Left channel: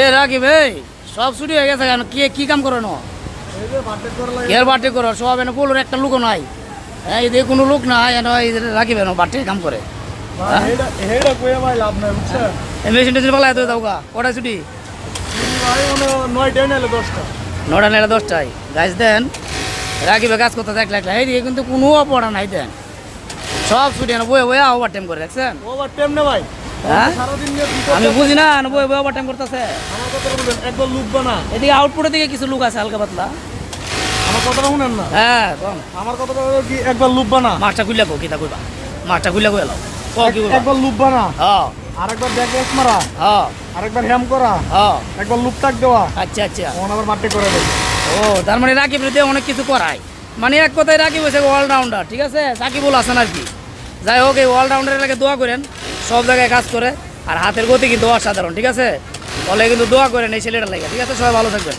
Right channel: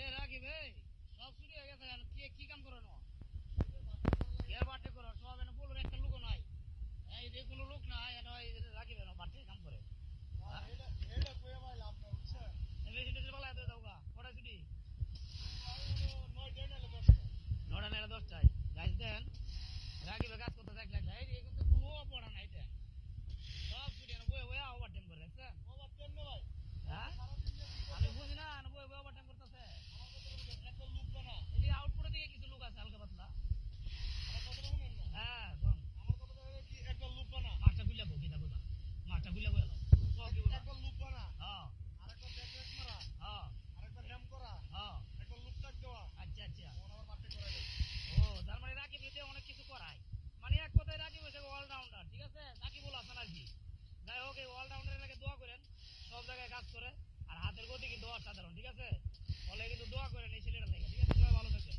এ রাকিব ভাই সব ছুটি হয়ে গেছে কেন কি কাম করো না এর বাটে করো সব এনে বলুন একটা লোকও নাই হ্যাঁ এদের কোনো লোক নাই রাকিব এনে বাটে কাম করে এই মেশিন টেশিন পালা এত দাও গা কটায় ছুটি 9টা নেড়ে 10টায় গাছ দেন রাকিবে কাজ করতে দেখলে এই দিকে কিন্তু কোনো পড়া নাই দেন সব ছুটি এনে বয়ে বয়ে ওভার টাইম করে দেখছেন হ্যাঁ আমি বুঝি না বয়ে বয়ে ওভার টাইম করতেছে এদিকে আউটপুটের দিকে কিছু লোক আছে হালকা পাতলা আমার কথাটা শুনেন না হ্যাঁ কম আমার কথাটা হলো কি একবার লুববা না মাছটা খুললে কো কিতা কইবা মাছটা খুললে কই এলাও ক কি কইবা একবার লুববা না হ্যাঁ আরেকবার ব্যাক রেস মারা হ্যাঁ আরেকবার হ্যাম করা হ্যাঁ একবার লুপ টাক দেওয়া আচ্ছা আচ্ছা তখন আবার মাঠে করে দেবে ও তার মানে রাকিব রে অনেক কিছু করায় মানে এক কথায় রাকিব হয়েছে অলরাউন্ডার ঠিক আছে সাকিবুল হাসান আর কি যাই হোক এই অলরাউন্ডারের লাগে দোয়া করেন সব জায়গায় কাজ করে আর হাতের গতি কিন্তু অসাধারণ ঠিক আছে বলে কিন্তু দোয়া করেন এই ছেলেটার লাগে ঠিক আছে সবাই ভালো থাকবেন।